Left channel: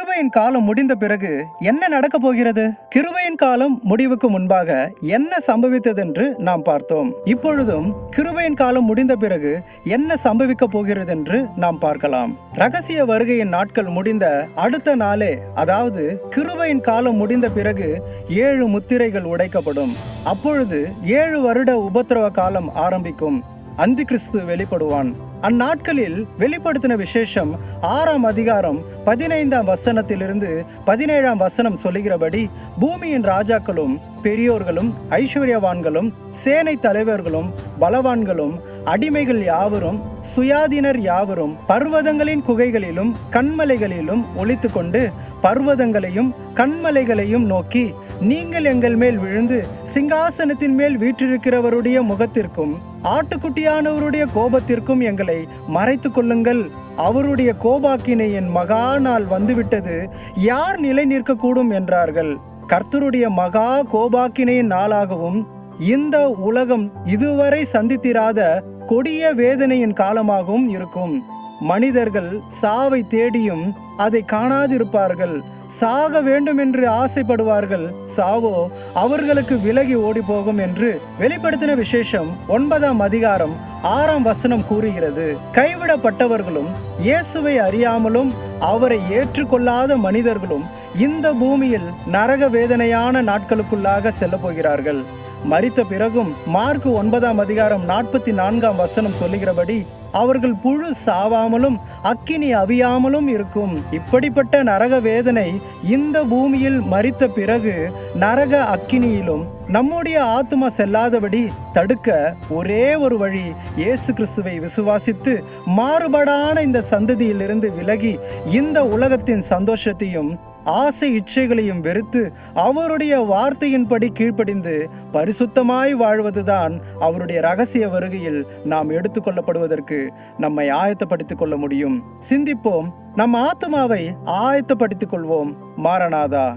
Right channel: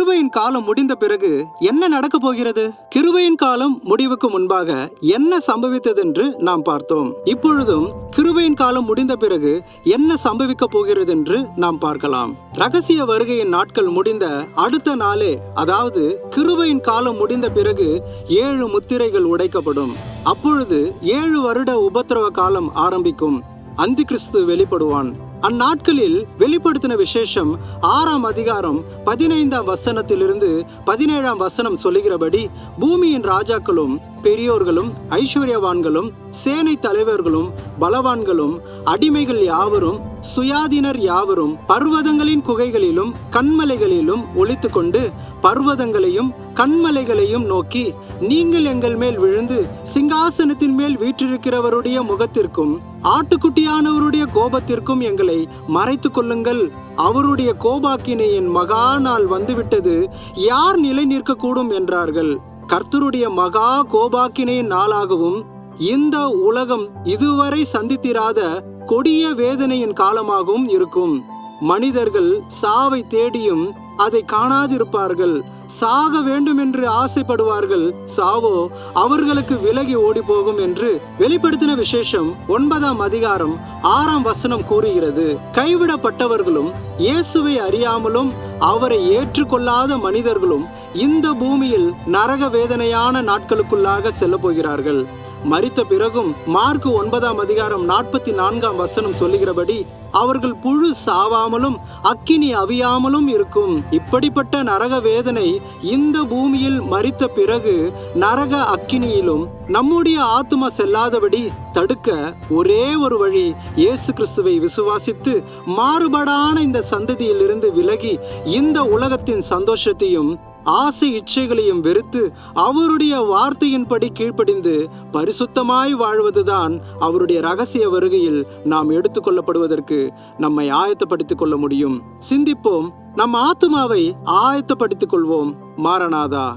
கிருபையின் காலம் முடிந்த பிறகு என்ன நடக்க போகிறது? கிருபையின் காலம் முடிவுக்கு முன்பாக என்ன சம்பவித்ததென்று நாம் பார்த்தோம். இப்பொழுதும் கிருபையின் காலம் முடிந்த பிறகு என்ன சம்பவிக்க போகிறது என்று நாம் பார்க்கலாம். ரகசிய வருகையின் நாட்கள் முடிந்த அடுத்த நாளே, அதாவது கிருபையின் காலம் முடிந்த பிறகு 7 முத்திரைகள் உடைக்கப்படும். அப்பொழுது 7 வருட உபத்திரவ காலம் ஆரம்பிக்கும். அந்தி கிறிஸ்து வெளிப்படுவான். அந்நாட்களில் வெளிப்படுத்தின விசேஷம் 6ஆம் அதிகாரம் 15ஆம் வசனத்திலிருந்து 17ஆம் வசனம் சொல்லுகிறபடி, பூமியின் ராஜாக்களும் பெரியோர்களும் ஐஸ்வர்யவான்களும் சேனை தலைவர்களும் பலவான்களும் அடிமைகள் யாவரும் சுயாதீனர் யாவரும் பர்வதங்களின் குகைகளிலும் கண்மலைகளிலும் ஒளித்துக்கொண்டு பர்வதங்களையும் கண்மலைகளையும் நோக்கி, நீங்கள் எங்கள் மேல் விழுந்து சிங்காசனத்தின் மேல் வீற்றிருக்கிறவருடைய முகத்திற்கும் ஆட்டுக்குட்டியானவருடைய கோபத்திற்கும் எங்களை மறைத்து கொள்ளுங்கள். அவருடைய கோபாக்கினையின் மகா நாள் வந்துவிட்டது, யார் நிலை நிற்கக்கூடும் என்றார்கள். கர்த்தருடைய மகா கோபாக்கினையின் நாளாகவும் இந்த உலகம் இதுவரை சந்தித்திராத கொடிய வேதனையின் காலமாகவும் இருக்கும். மனிதர்கள் சாவை தேடியும் அதை காணாதிருப்பார்கள். சாக வேண்டும் என்று ஆசைப்படுவார்கள், சாவோ அவர்களுக்கு விலகி ஓடி போகும் என்று வெளிப்படுத்தின விசேஷம் 9ஆம் அதிகாரம் 6ஆம் வசனம் கூறுகிறது. கைவிடப்பட்டவர்களும் இயேசுவை அறியாமலும் அவரை ஏற்றுக்கொள்ளாத மனிதர்களும் இந்த பூமியில் நரக வேதனையான நாட்களுக்குள்ளாக செல்ல போகிறார்கள். மரித்த பிறகும் மார்க்கு 9ஆம் அதிகாரம் 44ஆம் வசனம் சொல்லுகிறபடி, அவர்கள் புழு சாவாமலும் அக்கினி அவியாமலும் இருக்கும். இப்படிப்பட்ட நரக வேதனை இந்த பூமியில் மரித்த பிறகு நரக அக்கினியிலும் நம்முடைய ஆத்துமா செல்லாதபடி தடுக்க ஒரே ஒரு வழி, இயேசு கிறிஸ்துவை விசுவாசித்து மாறுபாடான இந்த சந்ததியிலிருந்து விலகி இந்த உலகத்தின் சந்தோஷத்தையும் ஆசை இச்சைகளையும் வெறுத்து அவருடைய வார்த்தையின்படி கீழ்ப்படிந்து பரிசுத்தமாய் வாழ்வதுதான் அவருடைய ரகசிய வருகையில் நாம் எடுத்துக்கொள்ளப்படுவதற்கு நம்மை ஆயத்தப்படுத்திக் கொள்ள முடியும். சிந்திப்போம், நம் ஆத்துமாவை ஆயத்தப்படுத்திக் கொள்வோம். மாரநாதா.